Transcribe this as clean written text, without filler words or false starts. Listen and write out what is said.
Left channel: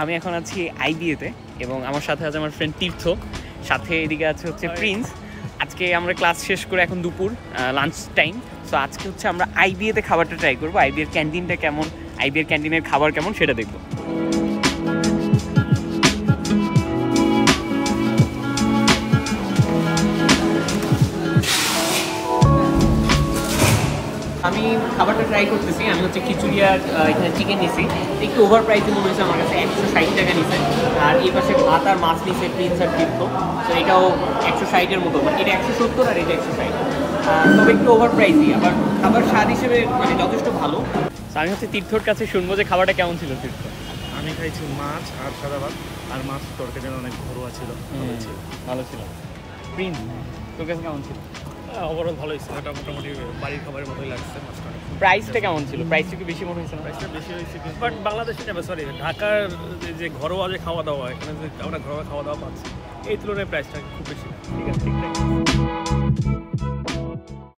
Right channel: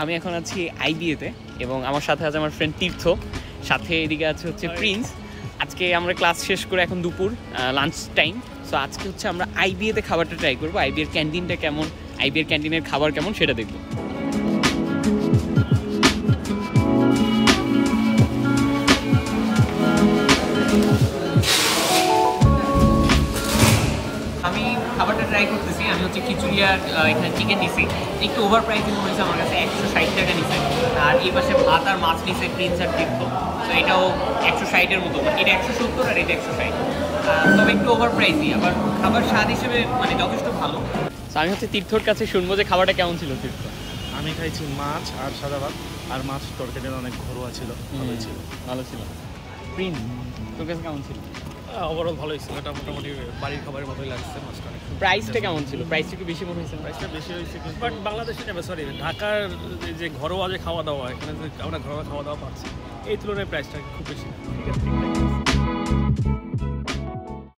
আমি এখন আছি আইবিএতে এবং আমার সাথে আছে আমার ফ্রেন্ড তীর্থ, সাথে এদিকে আছে হচ্ছে প্রিন্স। আজকে আমরা ক্লাস শেষ করে এখন দুপুর লাঞ্চ টাইম। তো আজকে হচ্ছে আমরা আইবিএতে খাবারটা ট্রাই করবো, আইবিএর ক্যান্টিনটা কেমন, আইবিএর ক্যান্টিনের খাবার কেমন সেটা দেখবো। আমি খাবারটা ট্রাই করতেছি। আমি হচ্ছে খিচুড়ি আর এখানে চিকেন নিছি, একটু ওভার প্রাইসে মনে হয়েছে আমার কাছে। 160 টাকা নিছে। আর এই পাশে ভাত আর মাছ নিছে প্রিন্স আর তীর্থ, তো এটাও 160-এর মতো, মানে এটা 170 আর এটা 160, তবে একটু ওভার প্রাইসই। আবার খাবার স্বাদ হিসেবে মানে যথেষ্ট ভালো। আমি হচ্ছে তীর্থর কাছে শুনবো যে খাবারটা কেমন ছিল। তীর্থ, আমি খাইছি মাছ আর সাদা ভাত, আর মাছ তরকারি অনেক ঘরোয়া ছিল, ভালো ছিল। প্রিন্স, তোর কাছে কেমন ছিল? ওভারঅল ভালোই ছিল, এটা মোটামুটি বাড়ির খাবারের মতোই লাগছে। মাছটা অনেক। প্রাইসটা কেমন ছিল? প্রাইসটা কি বেশি মনে হয়েছে? প্রাইসটা বেশি হয়েছে, বাট বাংলাদেশে সরি ঢাকার যে ঘরোয়া যে খাওয়া দাওয়া, এখানে যে আমরা ঘরোয়া খাওয়া দাওয়া পাচ্ছি, এই তুলনায় প্রাইসটা খুব বেশি না। ঠিক আছে, ঠিকঠাক।